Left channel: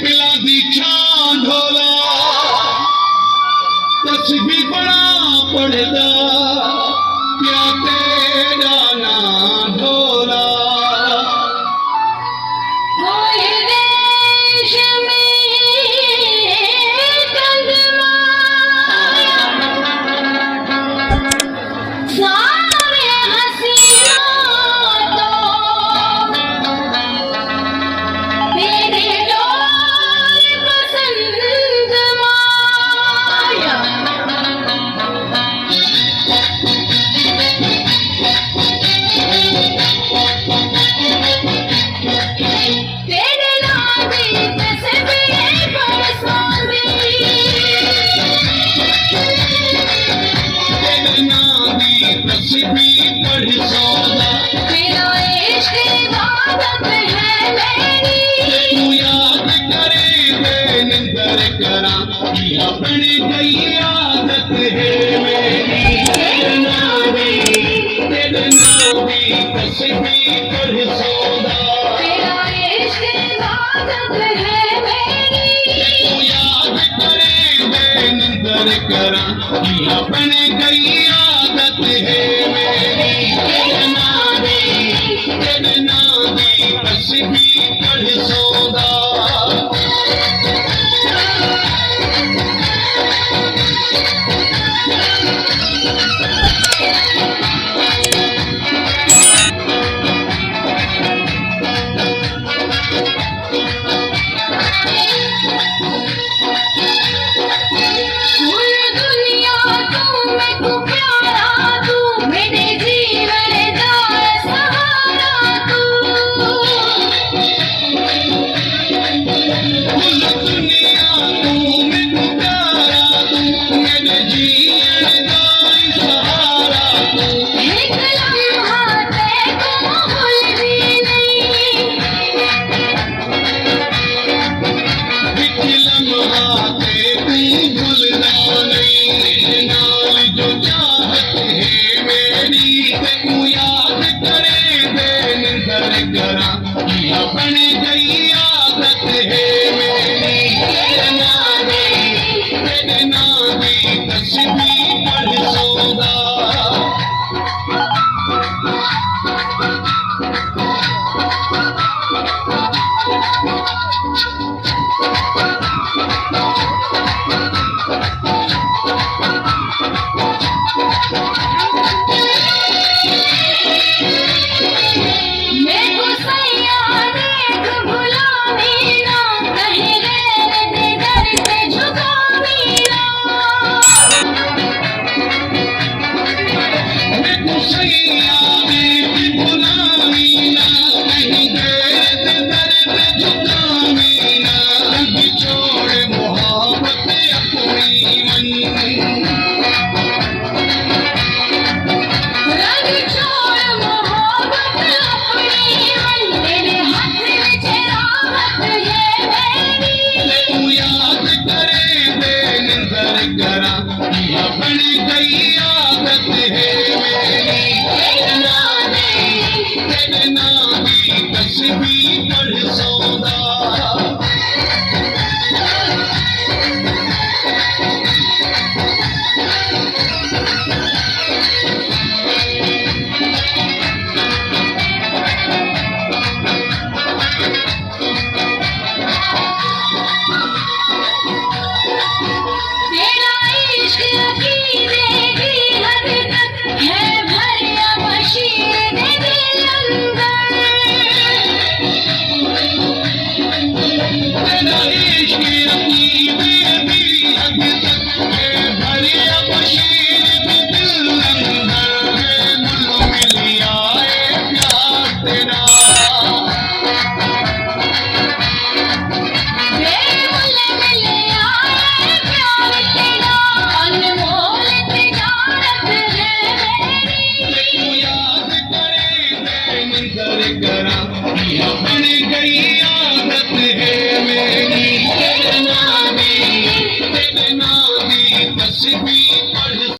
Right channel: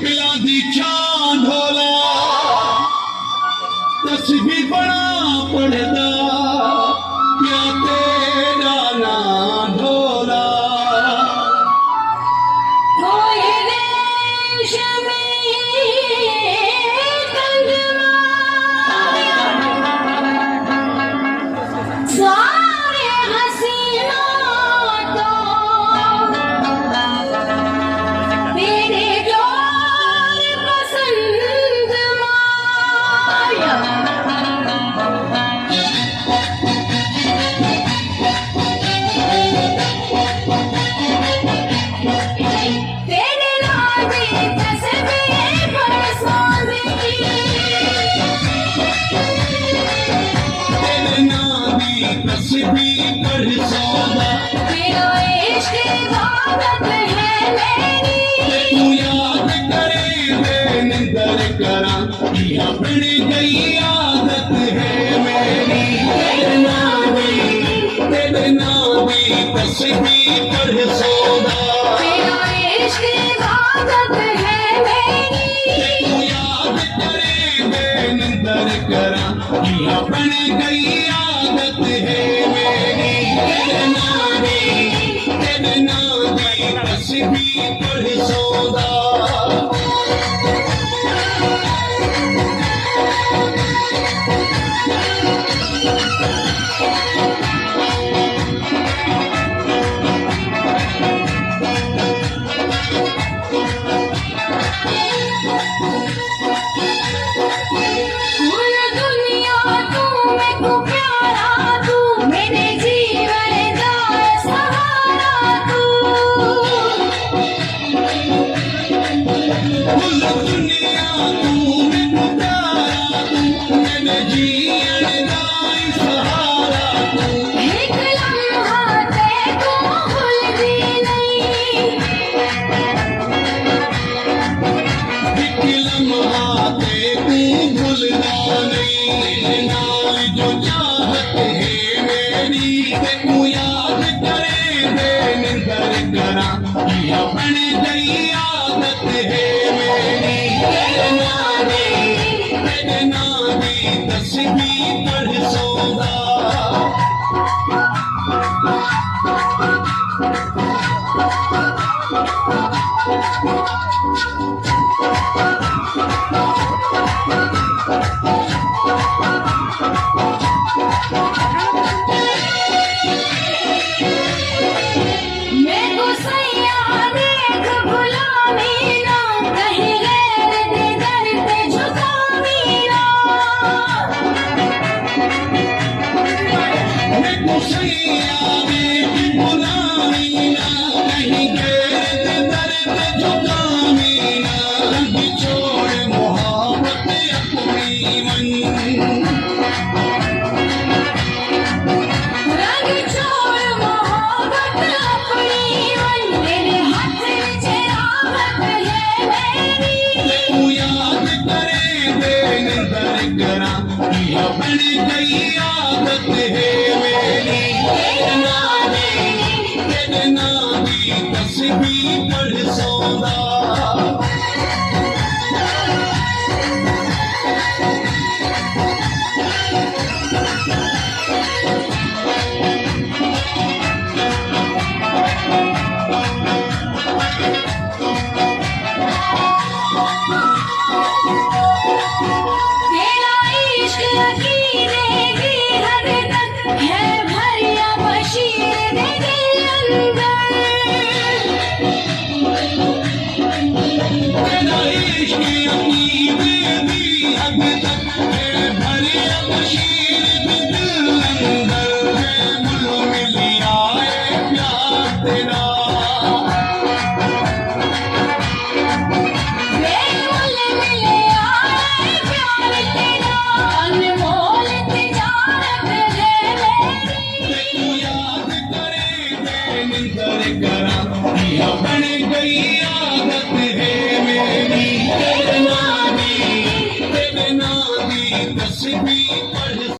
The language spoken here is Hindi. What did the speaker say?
पिला दी छां ढोला तस्बी बड़ा पढ़दा क्या तेरा ना ढोला होए देश में कंगना सारे हसीना तो तेरे डोर पसंद माया तेरे नाम की तस्वीर पर साज़ी तेरे नाम दी तस्बी पढ़ सौदा तेरा इश्क इबादत है मेरी तू याद करे मैं निंदर करा कि अपनी गई आदत है मेरी तेरे नाम दी तस्बी पढ़ सौदा तेरा इश्क इबादत है मेरी तू याद करे मैं निंदर करा कि अपनी गई आदत है मेरी तेरे नाम दी तस्बी पढ़ सौदा पूरी दुनिया तू मैं को प्यारा तू मेरे जीवन का सहारा तू कुल दुनिया तू मैं प्यारा तू मेरे जीवन का सहारा तू एक लम्हा तेरे को भूलती नहीं एक लम्हा ते तू भूलना नहीं नाल जो चाहत है मेरी ते तू याद करे दे निंदर करा कि अपनी गई आदत है मेरी तेरे नाम दी तस्बी पढ़ सौदा मैं को सैया देख गुलामी ना कहीं गैर के दर पे झुकावी ना मैं कुसैया